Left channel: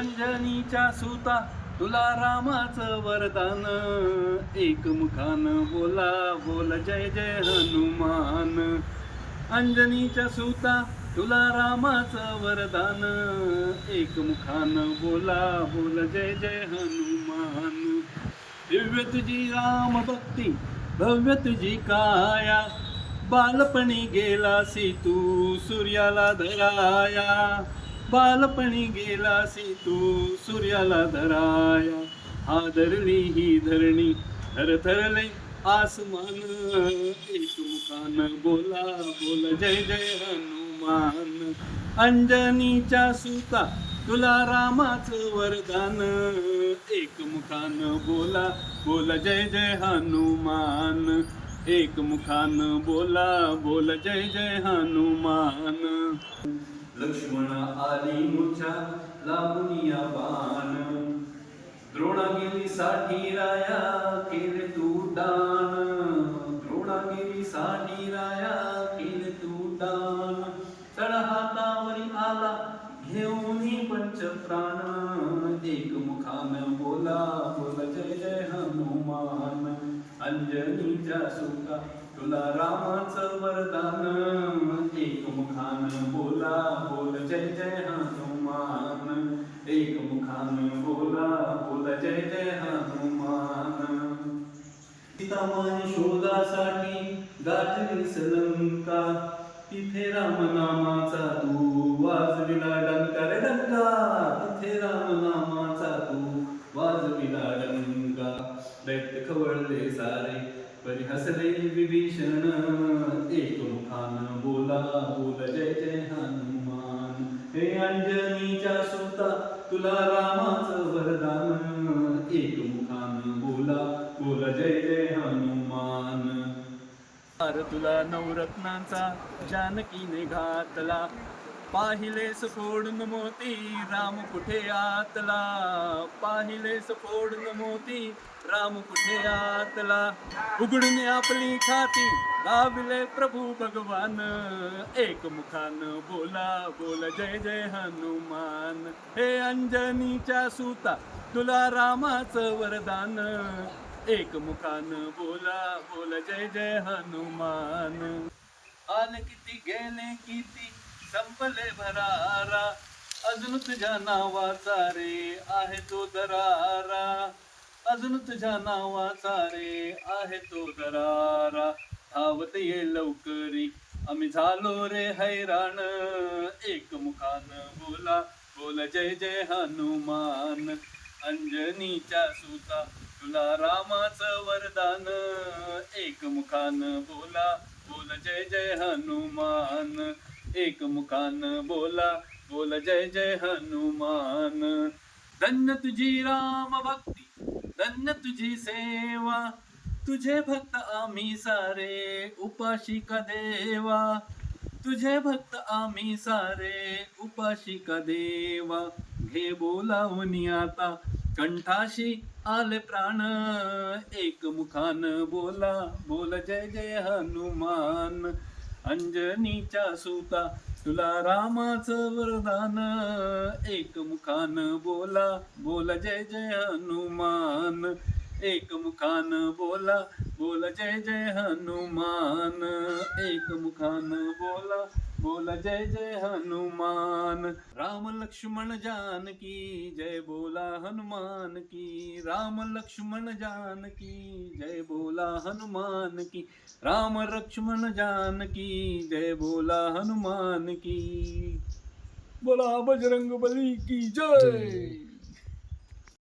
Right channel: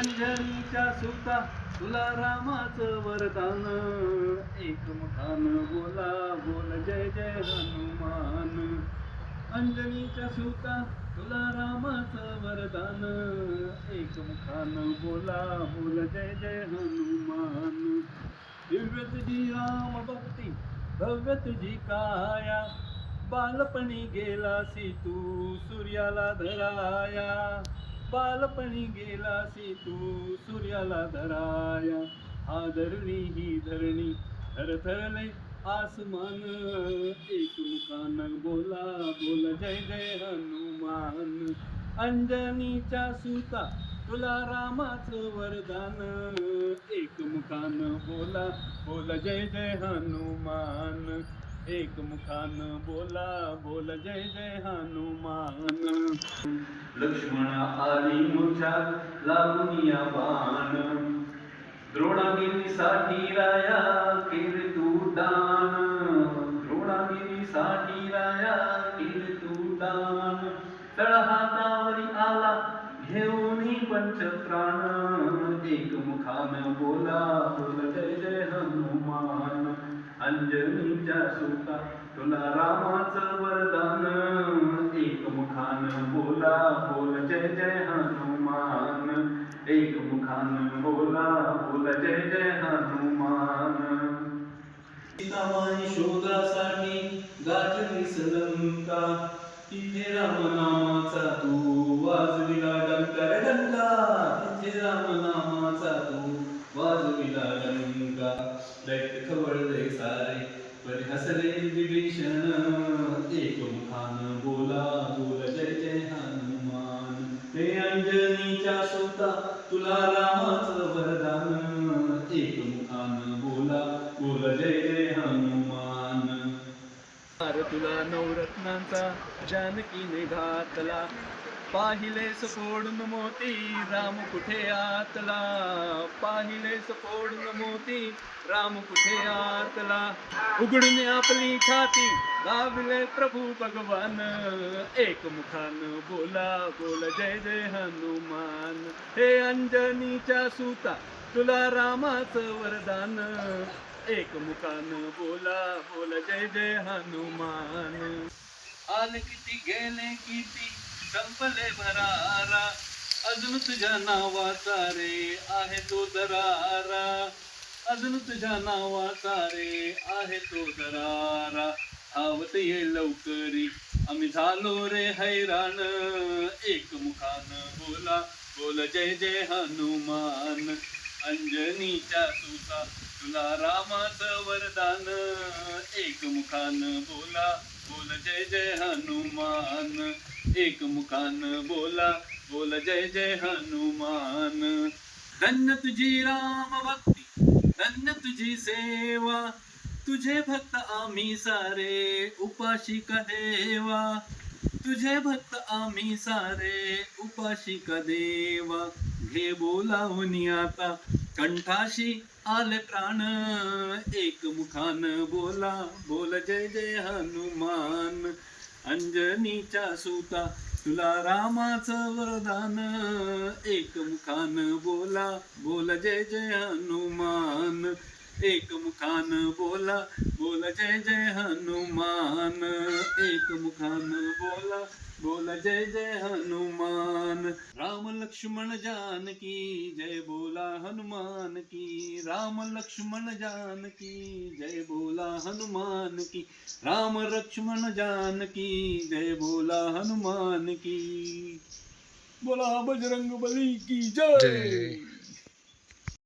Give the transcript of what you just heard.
अंजनीच्या सुता तुला रामाचं वरदान, एकमुखानं बोला बोल जय जय हनुमान. अंजनीच्या सुता तुला रामाचं वरदान, एकमुखानं बोला बोल जय जय हनुमान. दिव्य तुझी राम भक्ती भव्य तुझी काया, बालपणी गेलासी तू सूर्याला धराया. बालपणी गेलासी तू सूर्याला धराया. हादरली ही धरणी थरथरले आसमान, एकमुखानं बोला बोल जय जय हनुमान. अंजनीच्या सुता तुला रामाचं वरदान, एकमुखानं बोला बोल जय जय हनुमान. एकमुखानं बोला बोल जय जय हनुमान. लक्ष्मणा आली मूर्छा लागुनिया बाण, द्रोणागिरीसाठी राया केले तू दान. द्रोणागिरीसाठी राया केले तू दान. तळ हातावरी आला घेऊन पंचप्राण, एकमुखानं बोला बोल जय जय हनुमान. अंजनीच्या सुता तुला रामाचं वरदान, एकमुखानं बोला बोल जय जय हनुमान. एकमुखानं बोला बोल जय जय हनुमान. सीतामाई शोधासाठी गाठलीस लंका, तिथे रामनामाचा तू वाजविला डंका रे डंका. तिथे रामनामाचा तू वाजविला डंका. दैत्य खवळले सारे परी हसले विभीषण, एकमुखानं बोला बोल जय जय हनुमान. हे अंजनीच्या सुता तुला रामाचं वरदान, एकमुखानं बोला बोल जय जय हनुमान. हार तुला नवरत्नांचा जानकीने घातला, पाहिलेस फोडून मोती राम कुठे आतला. पाहिलेस फोडून मोती राम कुठे आतला. उघडून आपली छाती लावले प्रभू भगवान, एकमुखानं बोला बोल जय जय हनुमान. हे अंजनीच्या सुता तुला रामाचं वरदान, एकमुखानं बोला बोल जय जय हनुमान. आले किती गेले किती संपले भरारा, अजून तुझ्या नावाचा रे आहे तो दरारा. अजून तुझ्या नावाचा रे आहे तो दरारा. धावत ये लवकरी आम्ही झालो रे हैराण, एकमुखानं बोला बोल जय जय हनुमान. अंजनीच्या सुता तुला रामाचं वरदान, एकमुखानं बोला बोल जय जय हनुमान. एकमुखानं बोला बोल जय जय हनुमान. धन्य तुझी राम भक्ती धन्य तुझी सेवा, तुझे भक्त आम्ही सारे उपाशिका देवा. तुझे भक्त आम्ही सारे उपाशिका देवा. घे बोलावून आता कंठाशी आले प्राण, एकमुखानं बोला बोल जय जय हनुमान. अंजनीच्या सुता तुला रामाचं वरदान, एकमुखानं बोला बोल जय जय हनुमान. एकमुखानं बोला बोल जय जय हनुमान. एकमुखानं बोला बोल जय जय हनुमान. राम लक्ष्मण जानकी जय बोला हनुमान की. राम लक्ष्मण जानकी जय बोला हनुमान की. राम लक्ष्मण जानकी जय बोला हनुमान की. बोला बजरंग बली की जय.